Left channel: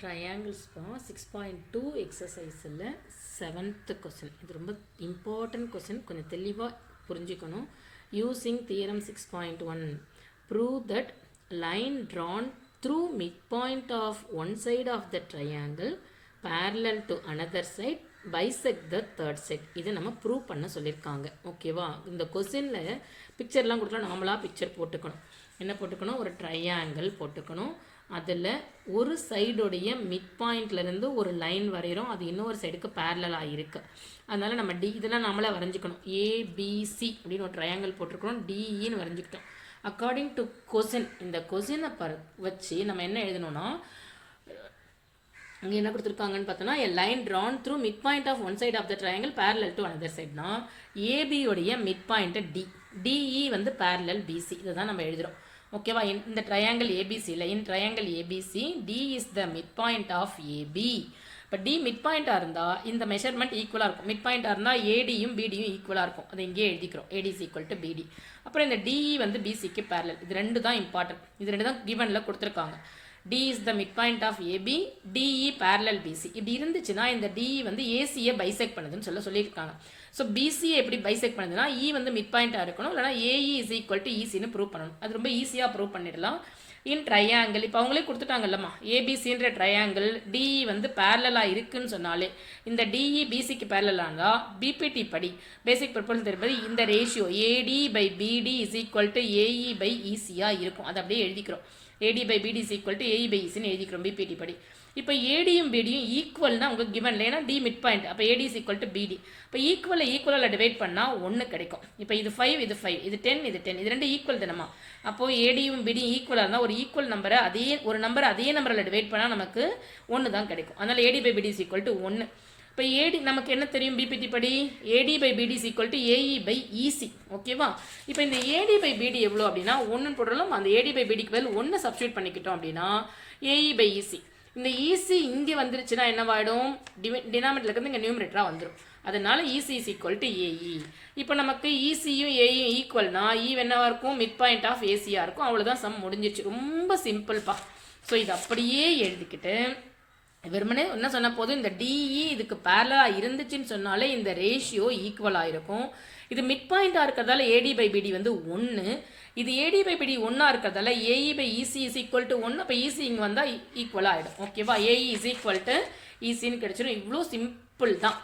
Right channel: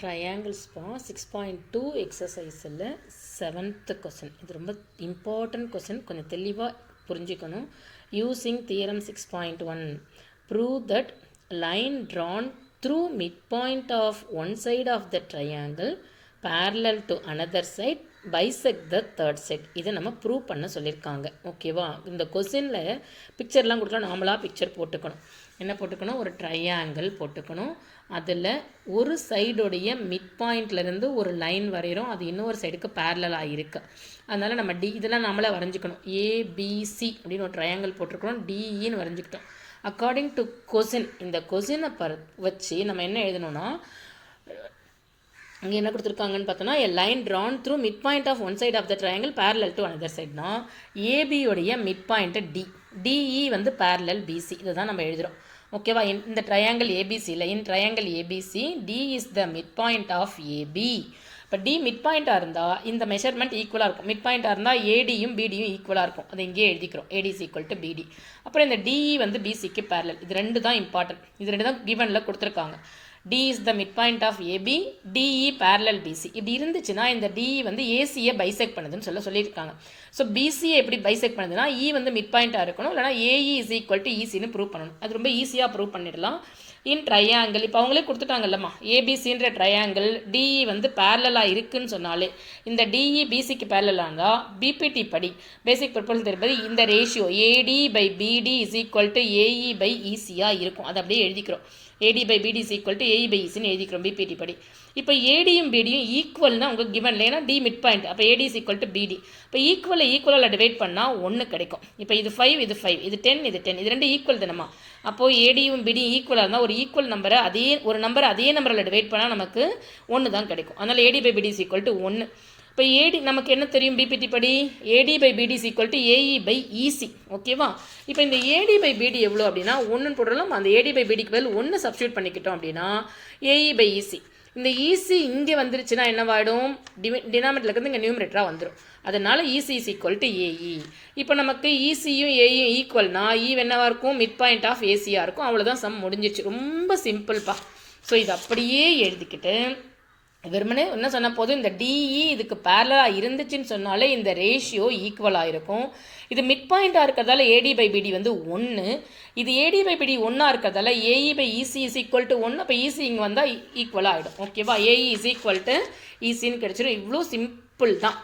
Triangles 6.2 எக்ஸசைஸில் 7th question. இது ரொம்ப important question, கொஞ்சம் தெளிவாக புரிஞ்சுக்கணும். Using theorem 6.1 prove that line drawn through midpoint of one side of the triangle parallel to another side bisect the third side. இதை நம்ம prove பண்ண சொல்லியிருக்காங்க. ஓகேவா? இந்த கொஸ்டினில் பிக்சர்லாம் கொடுத்தா நாமளாக பிக்சர் போட்டுக்கணும். என்ன போட்டுக்கணும்? ஒரு ட்ரையாங்கிள் போட்டுக்கணும். அதில் ஒரு சைடுடைய மிட் பாயிண்ட்லேருந்து ஒரு லைன் வரைகிறோம், அது இன்னொரு சைடுக்கு பேரலாக இருக்குது. அதனால் நம்ம இதெல்லாம் நம்மளே வரைஞ்சிக்கணும். ஏபிசி அப்படின்னு ஒரு ட்ரையாங்கிள் போட்டிருக்கணும், டிஇன்னு வரைஞ்சிக்கிட்டோம். அக்கார்டிங் டு கொஸ்டின், இந்த கொஸ்டினை வச்சு நம்ம என்ன எழுதணும்னா, இங்கே என்ன கொடுத்துருக்காங்கன்னு பார்த்தோன்னா, a line drawn through mid point of one side of the triangle parallel to another சைட்னா ஏபியோடைய மிட் பாயிண்ட்டு டிஇ வந்து parallel பிசி. இதை தான் நம்ம எழுதுகிறோம். ஓகேவா? இந்த ட்ரையாங்கிள் ஏபிசியில் in triangle ABC D is the mid point of AB. இப்போ டி மிட் பாயிண்ட்டாக இருந்தால் இந்த மெஷர்மெண்ட் ஈக்குவலாக இருக்கும். மிட் பாயிண்ட்டாக இருந்தால் ஏடியும் பிடியும் ஈக்குவலாக இருக்கும். அதை இங்கேயே எழுதிக்கிறோம், ஏடி இஸ் ஈக்குவல் டு பிடி. அப்புறம் இந்த டிஇ வந்து பிசிக்கு பேரலல். இது ரெண்டு தான் இம்பார்ட்டன்ட். இது ரெண்டு தான் கிவனில் கொடுத்துருக்காங்க. D is the mid point of AB, DE parallel BC. இப்படி இருந்துச்சுன்னா இந்த டிஇ வந்து ஏசியை பைசெக்ட் பண்ணுதுன்னு சொல்லியிருக்காங்க. ஸோ பிசியை எப்படி பைசெக்ட் பண்ணுதுன்னா, இ வந்து மிட் பாயிண்ட்டாக இருக்கணும், இல்லைனா ஏஇ இஸ் ஈக்குவல் டு ஈசின்னு ப்ரூவ் பண்ணணும். அது ரொம்ப ஈஸியாக ப்ரூவ் பண்ணிடலாம். இன் ட்ரையாங்கிள், இப்போ அவங்களே கொடுத்துட்டாங்கல்லம்மா, ஏபிசின்ற ட்ரையாங்கிள் டிஇ வந்து பேரலாக இருக்குன்னு சொன்னாலே, இந்த டிஇ பிசிக்கு பேரலாக இருந்தால் பிபிடி படி பேசிக் ப்ரொபோசல் தெரிப்பது இந்த ratio AD by BD is equal to AE by ஈசியாக இருக்கும். அதை அப்படியே எழுதிக்கிறோம். AD by BD is equal to AE by ஈசின்னு எழுதிக்கிறோம் பிபிடி படி. இப்போ ஏடியும் பிடியும் ஈக்குவல்னா உங்களுக்கு கிவன், ஏன்னா டி மிட் பாயிண்ட், அப்போ ஏடி இஸ் ஈக்குவல் டு பிடி. இப்போ ஈக்குவலாக டிவைட் பண்ணால் 1 கிடைக்கும். இப்போ இது 5, இது 5, இது 10, இது 10, இது ரெண்டு ஈக்குவல் தானம்மா. அப்போது ஏடியும் பிடியும் ஈக்குவலாக இருந்தால் ஒரு ஈக்குவல் நம்பரை ஒரு நம்பரில் டிவைட் பண்ணால் நமக்கு 1 தான் கிடைக்கும். அதனால் AD by BD is equal to 1. இப்போ ஏடி நமக்கு என்ன தெரியும் பிபிடி படி? AD by BD is equal to AE by EC. ஓகேவா? இப்போ இந்த ஏடி பை பிடி எவ்வளோ அப்படின்னா 1 போட்டாலும் அந்த ஏடி பை பிடிக்கு பதில் 1 சப்ஸ்டியூட் பண்ணிக்கிட்டோம் அப்படின்னா ஏஇ பை ஈசி. இந்த ஈசி இங்கே வந்துருச்சுன்னா என்னவாயிடும்? டினாமினேட்டர்ல இருந்து இங்கே நியூமரேட்டராக வந்துடும். அதனால் EC is equal to AE. இப்போ நமக்கு ஈசியும் ஏயும் ஈக்குவல்னா என்னவாக இருக்கும்? மிட் பாயிண்ட் ஆஃப் ஏசியாக இருக்கும். அவ்வளோதான், சம் முடிஞ்சிச்சு. ரொம்ப சிம்பிள்ப்பா. ஸோ இது அப்படியே எழுதிக்கிட்டு வெறுமனே என்ன சொன்ன போதும், இந்த டிஇ இதுக்கு பேரலாக இருந்துச்சுன்னு சொன்னாலே இந்த ரேஷியோ ஈக்குவலாக இருக்கும். இது மிட் பாயிண்ட்டாக இருக்கிறதால ஏடி பை பிடி வந்து 1, இது ஏடி பை பிடி 1 இருக்கிறதால AE by EC is equal to 1. அப்போ ஈசி இங்கே வந்தால் ஈக்குவலாக ஆகிடும். ஓகேவா? ஏஇ இஸ் ஈக்குவல் டு ஈசின்னு கிடச்சிடும். இவ்வளோ சிம்பிள் தான்.